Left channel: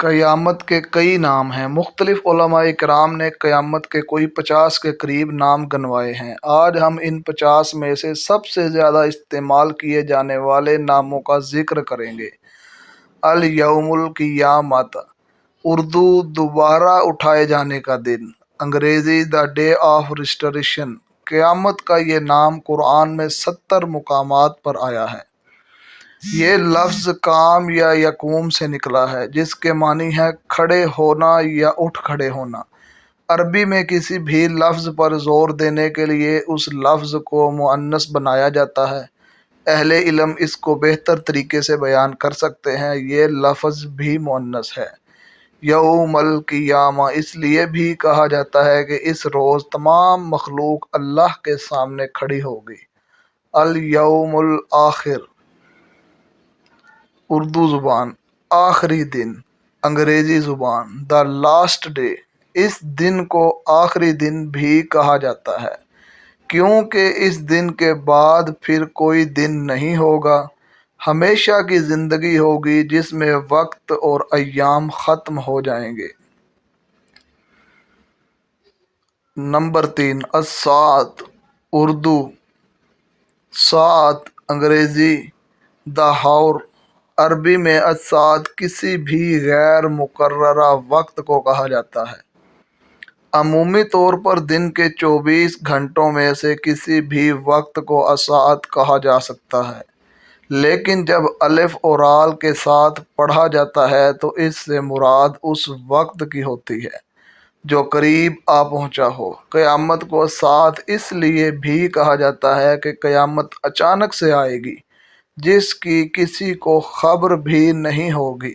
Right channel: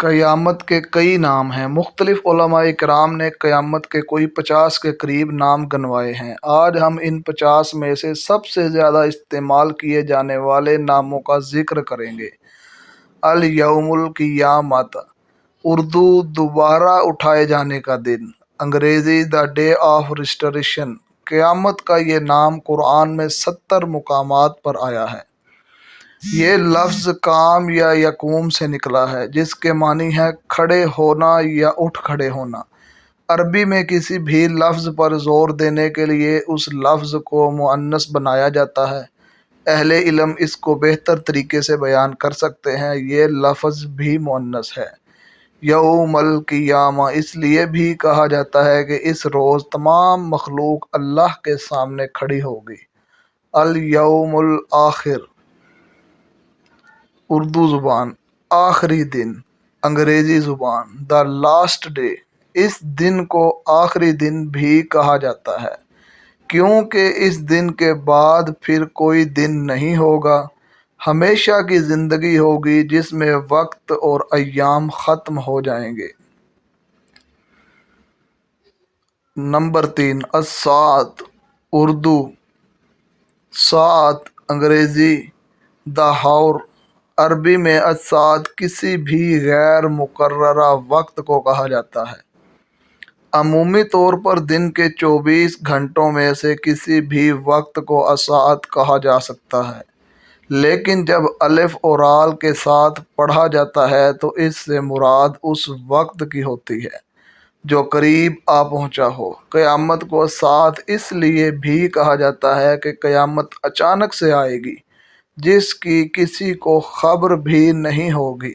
قیامت کے کئی نام ہیں۔ مختلف علماء کرام نے قیامت کے کوئی 50 کے قریب نام گنوائے ہیں۔ آج ہم ان 50 میں سے سب سے زیادہ استعمال کیے جانے والے ناموں کا ذکر کریں گے۔ الیوم القیامت، اردو دوبارہ اٹھائے جانے کا دن، انگریزی دا ڈے آف ریسٹوریشن۔ قیامت کا یہ نام قرآن میں 70 مقامات پر آیا ہے۔ یہ لفظ قام یا یقوم سے نکلا ہے، جس کے معنی ہے کھڑے ہونا یا اٹھ کھڑے ہونا۔ عربی میں کسی بھی لفظ پر زور دینے کے لیے اس لفظ کو مؤنث بنایا جاتا ہے۔ اہل علم اس کو بہتر طریقے سے بیان کر سکتے ہیں۔ یہ لفظ بھی مؤنث ہے۔ یوم القیامہ اس لیے بھی کہا جاتا ہے کہ اس روز تمام مخلوق اللہ کے سامنے کھڑی ہوگی۔ الیوم الآخر، اردو زبان آخری دن، انگریزی زبان دا لاسٹ ڈے۔ اس دن کو آخری دن بھی کہا جاتا ہے کیونکہ اس دن کے بعد پھر کوئی دن نہیں ہوگا، ہمیشہ کی زندگی ہوگی جس میں وقت اور ایام ختم ہو جائیں گے۔ نمبر 3، الساعۃ، اردو ساعت، انگریزی دا ہاور۔ عربی میں الساعۃ کسی بھی غیر مقررہ وقت کو کہا جاتا ہے۔ عمومی طور پر دن کے 24 گھنٹوں میں سے کسی بھی وقت کو الساعۃ کہا جا سکتا ہے، لیکن جب الف اور رال کے ساتھ پڑھا جاتا ہے تو اس سے مراد اس وقت کی ہوتی ہے جو قریب آ پہنچا ہو۔ قیامت کو ساعت اس لیے بھی کہا جاتا ہے کہ قیامت اچانک سے آئے گی، جس کی کسی کو خبر بھی نہیں ہوگی۔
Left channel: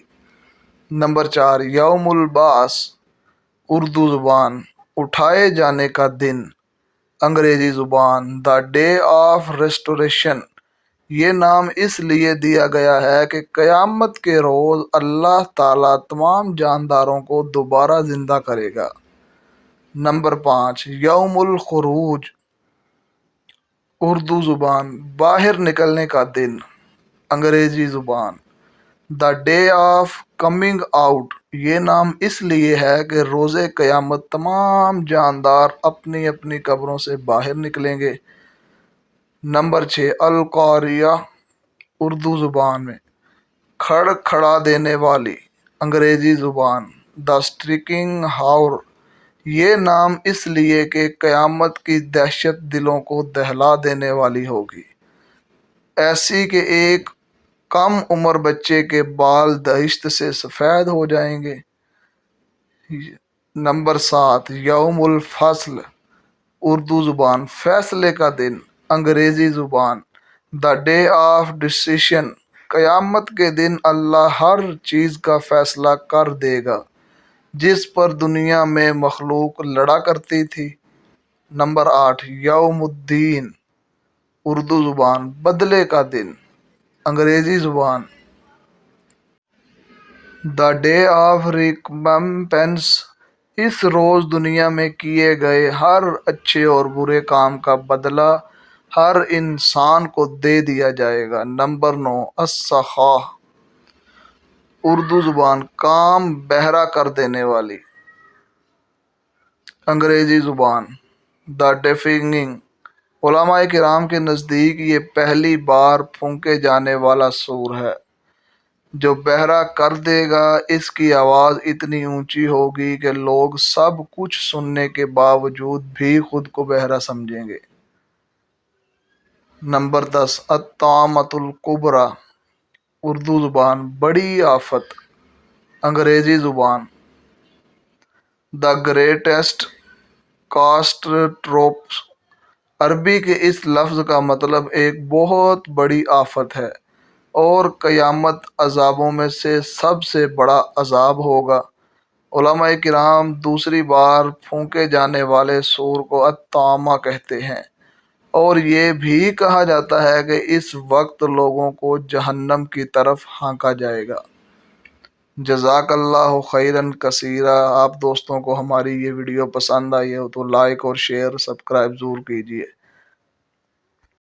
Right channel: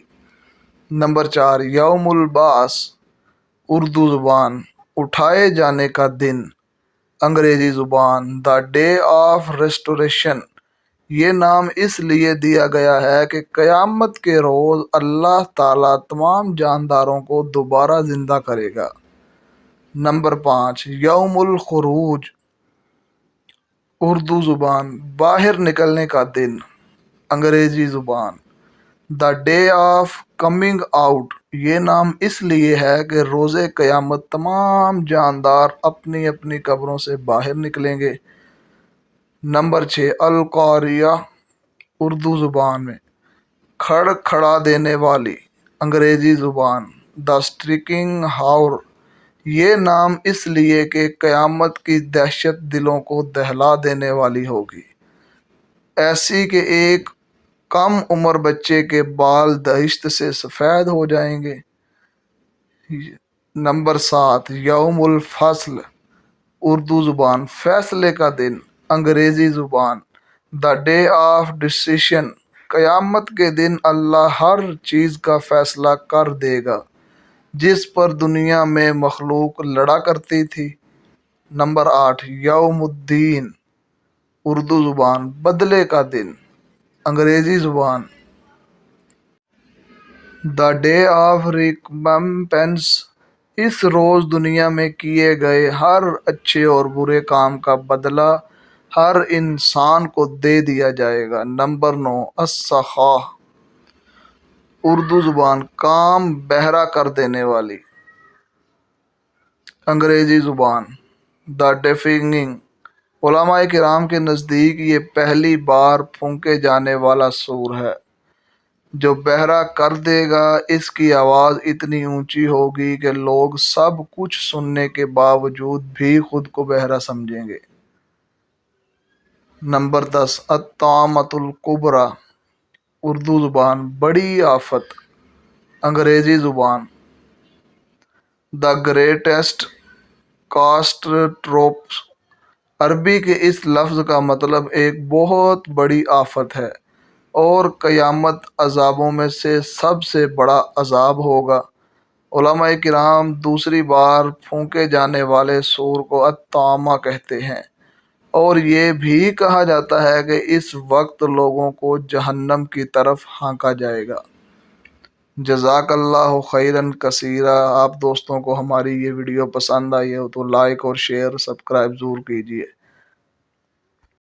نمبر 4، یوم البعث، اردو زبان اٹھائے جانے کا دن، انگریزی زبان دا ڈے آف ریسٹوریشن۔ یہ نام اس لیے دیا گیا ہے کہ قیامت کے روز اللہ تعالیٰ تمام جانداروں کو دوبارہ زندہ کرے گا۔ نمبر 5، یوم الخروج، اردو زبان باہر نکلنے کا دن، انگریزی زبان the day of coming out. یہ نام اس لیے ہے کہ روز قیامت تمام جاندار اپنی اپنی قبروں سے باہر نکلیں گے۔ نمبر 6، القاریہ، اردو زبان میں کھڑ کھڑا دینے والی، انگریزی زبان دا اسٹرکنگ ہاور۔ یہ نام اس لیے کہ قیامت کی دہشت دلوں کو دہلا دینے والی ہوگی، ایسی کہ ایک کم عمر بچے کے بال دہشت سے سفید ہو جائیں گے۔ نمبر 7، یوم الفصل، اردو زبان فیصلے کا دن، انگریزی زبان دا ڈے آف ڈیسیشن۔ قیامت کے دن اللہ ہر چیز کا فیصلہ کر دے گا جس پر دنیا میں مخلوق لڑا کرتی تھی۔ نمبر 8، یوم الدین، اردو زبان بدلے کا دن، انگریزی زبان دا ڈے آف ریکمپنس۔ اس روز دنیا میں کیے گئے ہر اچھے اور برے کام کا بدلہ ہر انسان کو دے دیا جائے گا۔ نمبر 9، السخاء، اردو زبان کام بہرا کر دینے والی، انگریزی زبان دا ڈیفننگ۔ علماء کرام کے نزدیک یہ پہلی بار پھونکے جانے والا سور ہے جو بہرا کر دے گا۔ اس کی آواز اتنی اونچی ہوگی کہ لوگ سب کچھ سننے کے باوجود بھی خود کو بہرا سمجھیں گے۔ نمبر 10، الطامۃ الکبریٰ، اردو زبان بڑی آفت، انگریزی زبان دا گریٹسٹ کاتاسٹروفے۔ عربی کے اس لفظ کا مطلب ایک بہت بڑی آفت ہے اور قیامت عذابوں میں سے سب سے بڑا عذاب ہوگا۔ علماء کرام دوسری بار پھونکے جانے والے سور کو الطامہ کہتے ہیں، اور یہ بھی کہا جاتا ہے کہ اس وقت لوگوں کو جہنم کی طرف ہانکا جائے گا۔ جزاک اللہ خیرا کثیرا۔ آپ دوستوں کو ہماری یہ ویڈیو پسند آئی ہو تو لائک اور شیئر سبسکرائب ضرور کیجیے۔